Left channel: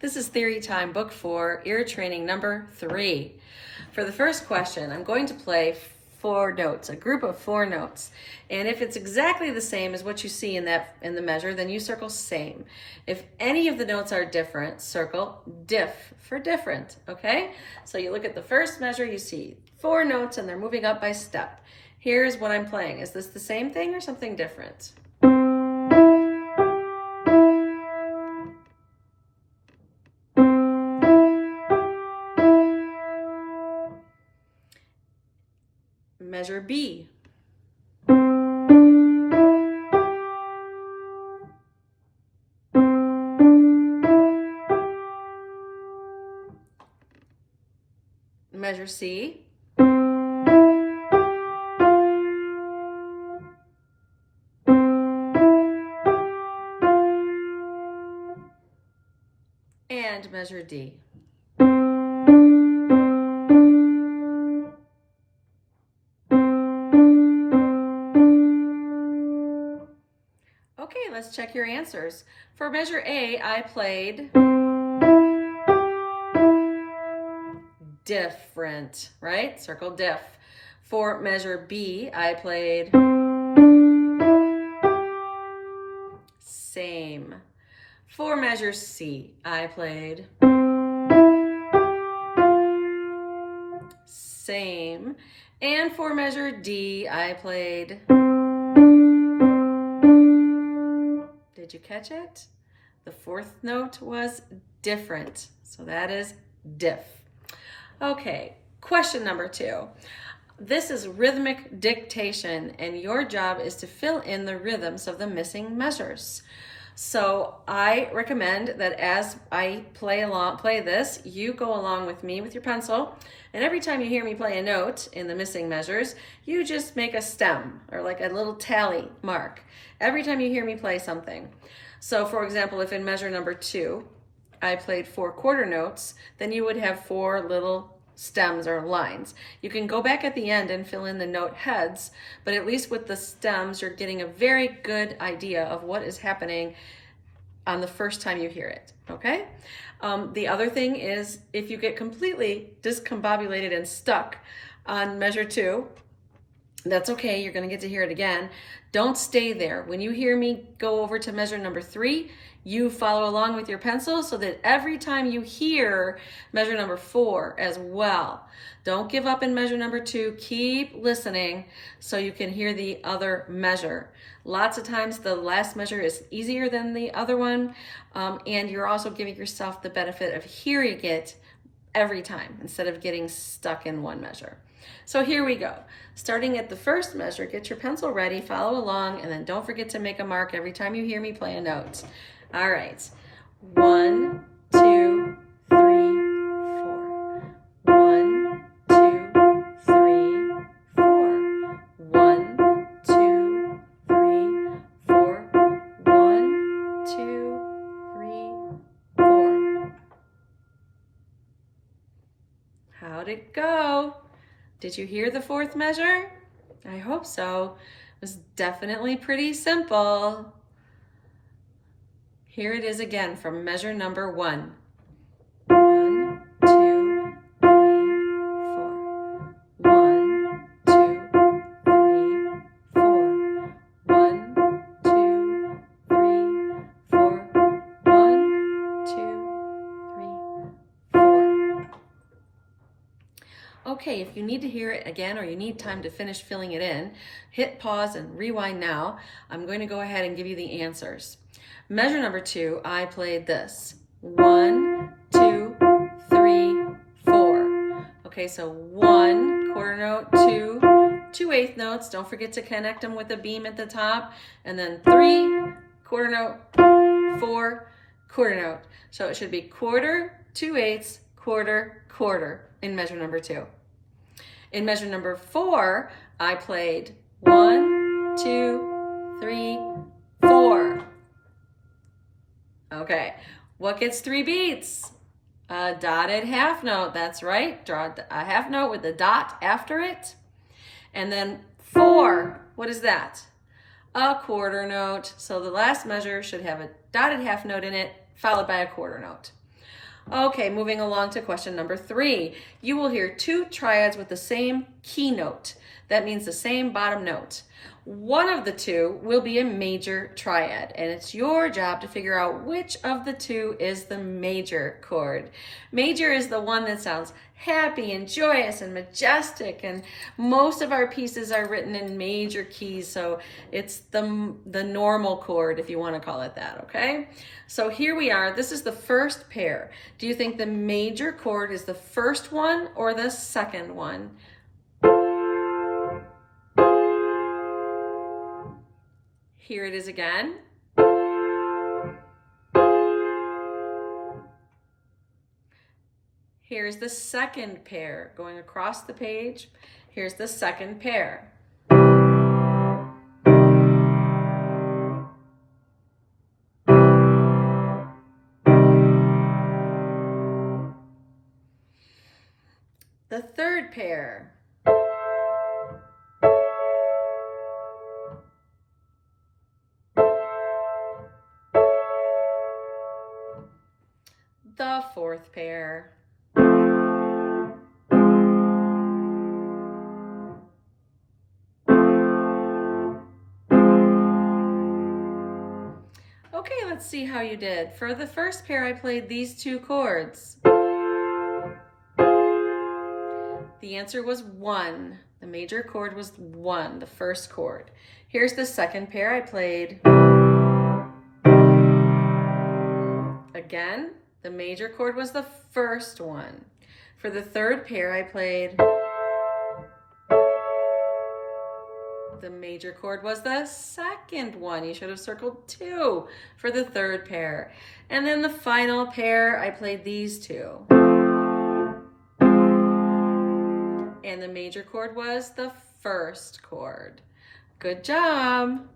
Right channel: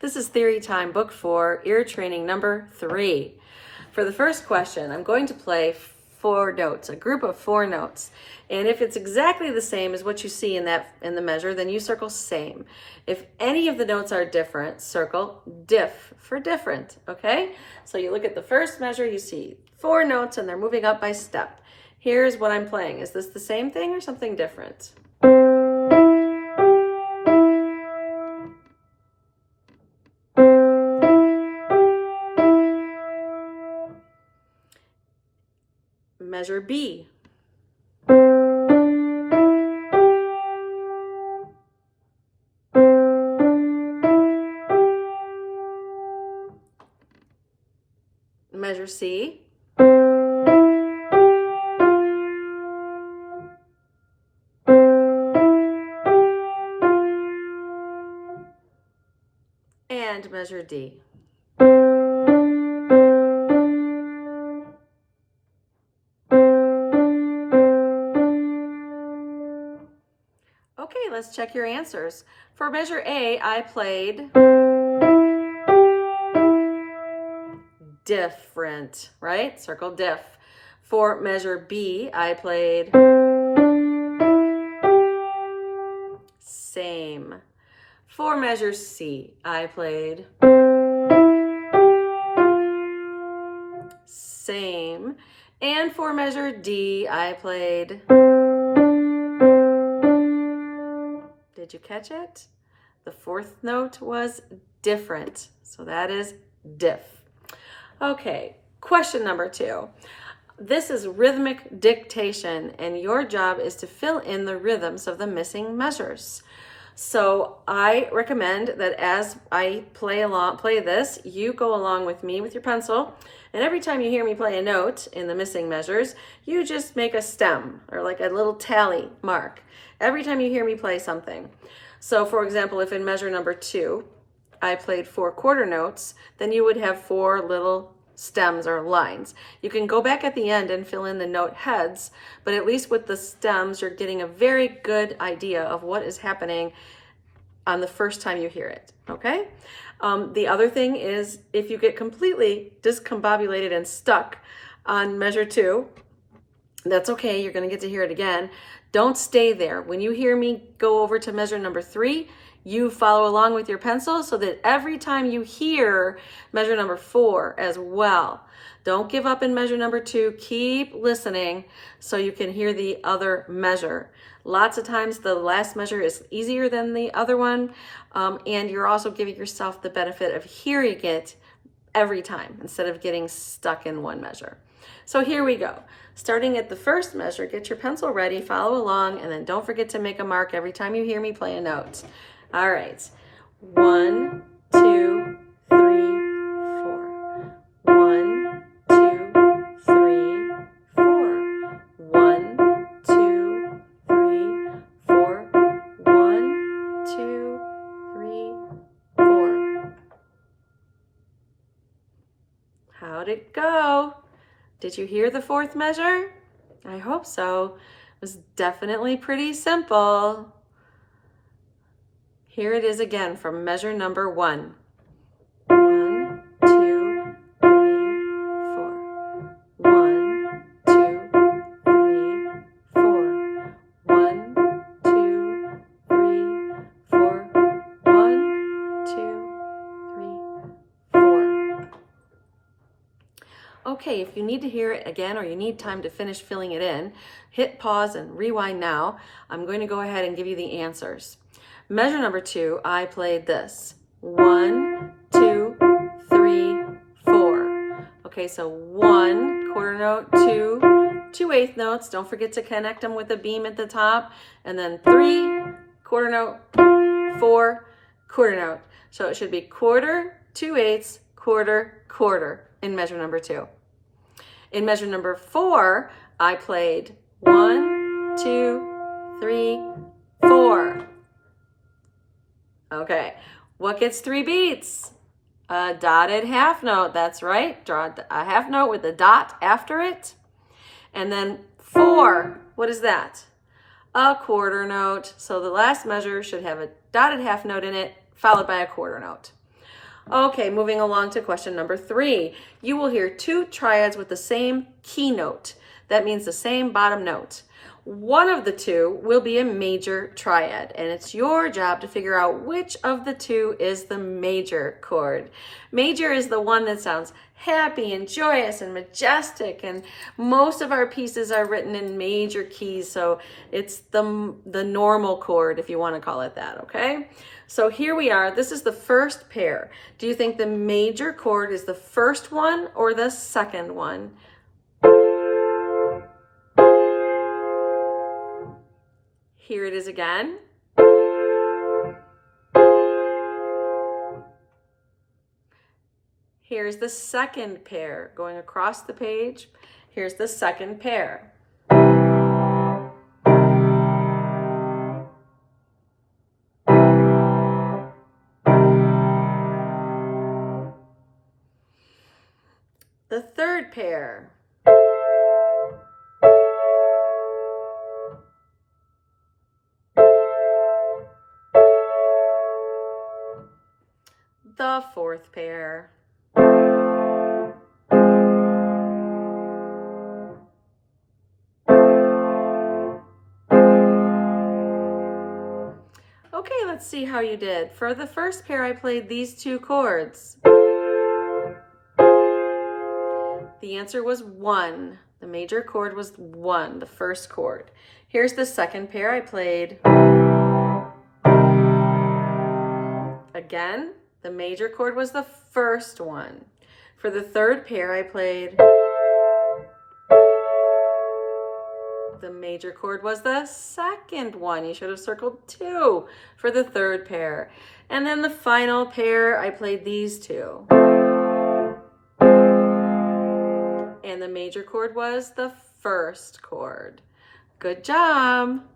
This is Theory Time, Book 4, Ear Training number 3. For the first question, I'm going to play 4 notes, a group of 4 notes. And if it's exactly the same as what you see in the measure, then you circle same. If any of the notes are different, circle diff for different, okay? So you look at the first measure, you see 4 notes and they're moving up by step. Here's what I'm playing. Is this the same thing or something different? Measure B. Measure C. And measure D. Okay, let's check your answers. For measure A, I played different, right? Circle diff. For measure B, I played same. For measure C, I played same. And for measure D, I played, did you catch it? The 4th note was different. So that is diff. Okay, question number 2. This is rhythmic dictation, and your job is to fill in the rhythms of the missing measures. So I recommend that as I play this, you go along with me with your pencil, and every time you hear me play a note in the missing measures, you just make a stem or like a little tally mark every time you hear me play something. So for example, if in measure number 2, I played 4 quarter notes, then you would have 4 little stems or lines. You can go back at the end and fill in the note heads, but at least with the stems, you're getting a very good idea of what is happening on the first time you hear it, okay? The other thing is, if you get completely discombobulated and stuck on measure 2, that's okay, you're gonna get to hear it again. Don't stay there. When you hear me go over to measure number 3, you follow along with your pencil so that every time you hear measure number 4 as well. Don't give up in measure number 2. Keep listening so you can hear the other measure. Lots of times the last measure is easier than the other one, and you're also giving yourself the benefit of hearing it every time instead of getting stuck in one measure. So here we go. Starting at the first measure, get your pencil ready, follow along, and then don't forget to make a mark every time you hear me play a note. All right, 1, 2, 3, 4. 1, 2, 3, 4. 1, 2, 3, 4. 1, 2, 3, 4. How'd it go? Did you hear the 4th measure? I hope so. It was definitely pretty simple. Here it is again from measure number 1. 1, 2, 3, 4. 1, 2, 3, 4. 1, 2, 3, 4. 1, 2, 3, 4. Okay, if you need to hear it again or you need time to finish filling it in, hit pause and rewind now. I'm going to go ahead and give you the answers. Measure number 2, I played this. 1, 2, 3, 4. Okay, so 1 quarter note, 2 eighth notes. Don't forget to connect them with a beam at the top. And then 3 quarter note, 4 quarter note. So it should be quarter, 2 eighths, quarter, quarter in measure number 2. In measure number 4, I played 1, 2, 3, 4. Okay, what gets 3 beats? A dotted half note, that's right. Draw a half note with a dot after it. And then 4, what is that? A quarter note. So the last measure should have a dotted half note in it, followed by a quarter note. Okay, moving along to question number 3. You will hear 2 triads with the same key note. That means the same bottom note. One of the 2 will be a major triad, and it's your job to figure out which of the 2 is the major chord. Major is the one that sounds happy and joyous and majestic, and most of our pieces are written in major keys, so it's the normal chord, if you want to call it that, okay? So here we are. This is the first pair. Do you think the major chord is the first one or the second one? Here it is again. Here's the second pair going across the page. Here's the second pair. The third pair. The fourth pair. Okay, let's see how you did. For the first pair, I played these 2 chords. The answer was 1. The major chord was 1, the first chord. Here's the second pair I played. Again, the major chord was the first one. For the third pair I played. The major chord was the second one. You should have circled 2 for the third pair. And then the final pair, I played these 2. And the major chord was the first chord. Good job.